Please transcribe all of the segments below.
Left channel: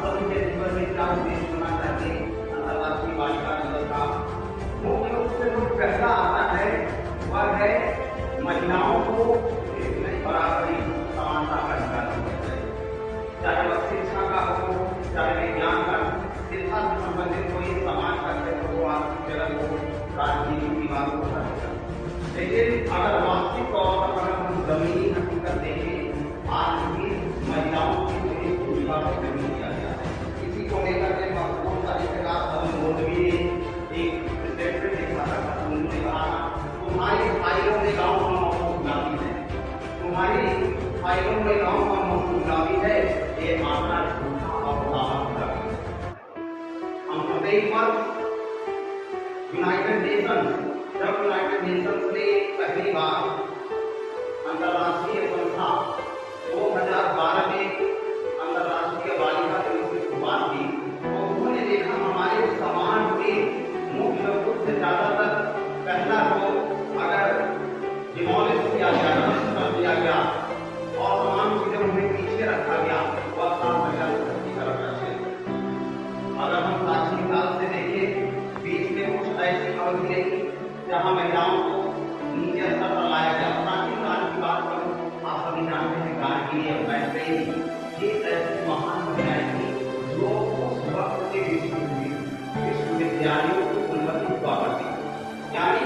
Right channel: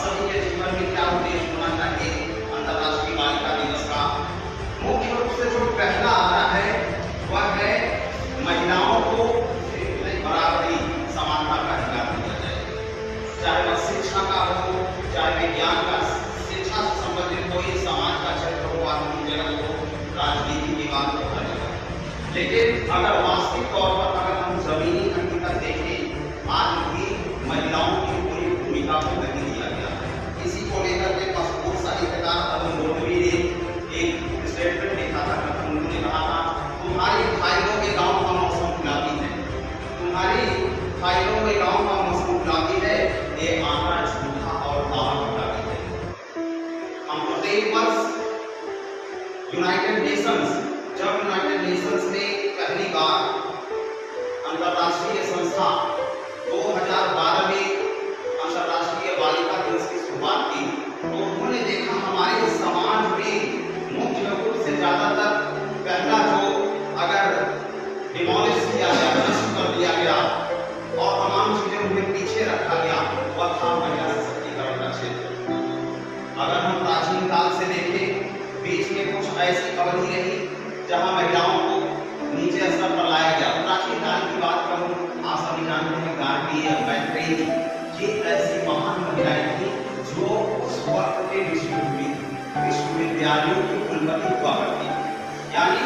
सभी के जीवन में क्या उद्देश्य होना चाहिए अंतर्राष्ट्रीय बालिका दिवस का। मुख्य रूप से जो पहला आ रहा है वह है महिलाओं को बराबरी समानता का अधिकार दिया जाए, चाहे वह शिक्षा का हो, चाहे विज्ञान का, शिक्षा से संबंधित कोई समाज का क्षेत्र हो, आर्थिक जगत हो, राजनीति की बात हो, हर जगह। लेकिन अगर वास्तविक तौर पर अगर हम जमीनी हकीकत देखें, आज भी महिलाओं की पूरी भूमिका को नहीं दिया गया है। इसी को लेकर के बहुत साहित्यकार अरुण गोविंद ने एक स्टेटमेंट लिखा था। उन्होंने कहा था, तुम्हारी फाइलों में गाँव का मौसम गुलाबी है, तुम्हारी फाइलों में गाँव का मौसम गुलाबी है, ये आंकड़ा झूठा और दावा गुलाबी है। हम प्रत्येक वर्ष यूनाइटेड नेशंस ने पहली बार अंतर्राष्ट्रीय संस्था 2012 में अंतर्राष्ट्रीय बालिका दिवस की शुरुआत की, तो उन्होंने देखा हमारे समाज में मुख्य रूप से ज्यादातर पहला जो अगर डिमोलिश किया गया, नष्ट कर दिया गया और तमाम चीजें उन्हें पीछे रखा गया, वह था महिला सशक्तिकरण का क्षेत्र। अगर हम प्राचीन काल से देखें, बीच में कुछ ऐसी अवधि रही जहां महिलाओं को नीचे स्तर पर लाया गया। प्राचीन काल की बात करूं, आप सभी जानते हैं गार्गी और मैत्रेयी, ये ऐसी महान महिलाएं थी जो उस वक्त के विश्वविद्यालयों की कुलपति हुआ करती। यानी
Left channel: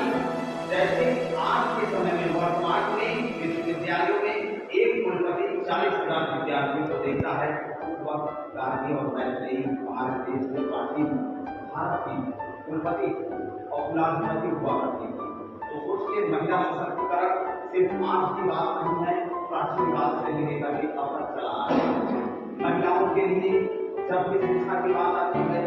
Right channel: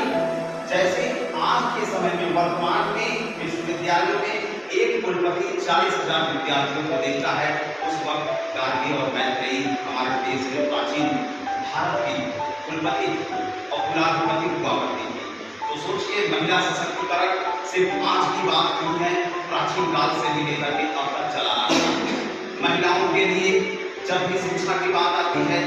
जैसे आज के समय में वर्तमान में विश्वविद्यालयों में एक कुलपति 40,000 विद्यार्थियों को देखता है, उस वक्त गार्गी और मैत्रेयी हमारे देश के प्राचीन भारत की कुलपति और कुलाधिपति हुआ करती थी। तो सोचिए, महिला सशक्तिकरण सिर्फ आज की बात नहीं है, प्राचीन काल से भी लेकर के अब तक चला आ रहा है। महिलाओं के लिए जब भी शिक्षा की बात आती है,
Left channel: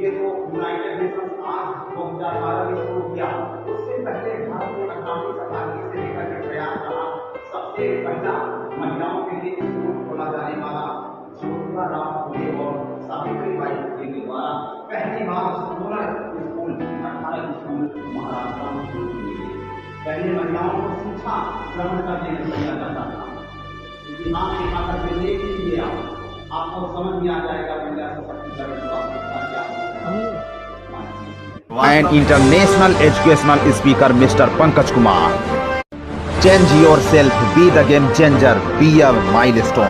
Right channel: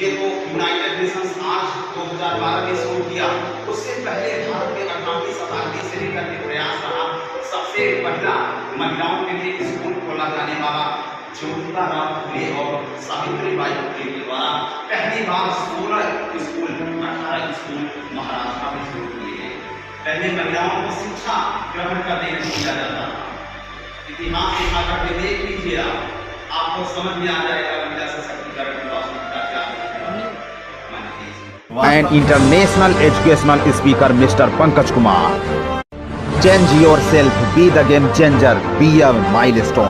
ये तो यूनाइटेड नेशंस आज 2012 में शुरू किया, उससे पहले भारत में 18वीं शताब्दी से लेकर के प्रयास रहा। सबसे पहला महिलाओं के लिए स्कूल खोला जाने वाला ज्योतिबा फुले और सावित्रीबाई फुले के द्वारा पहली बार 16 स्कूल 18 स्कूल महाराष्ट्र में शुरू किए गए। पहले महिलाओं को शिक्षा ग्रहण करने नहीं दिया जाता था। इतिहास लिखा करके देख लीजिए, आपको समझ में आ जाएगा महिला सशक्तिकरण की वास्तविकता क्या है। And international educational speaker Mr. Pankaj Kumar. Change yourself, be the game changer, be a milestone.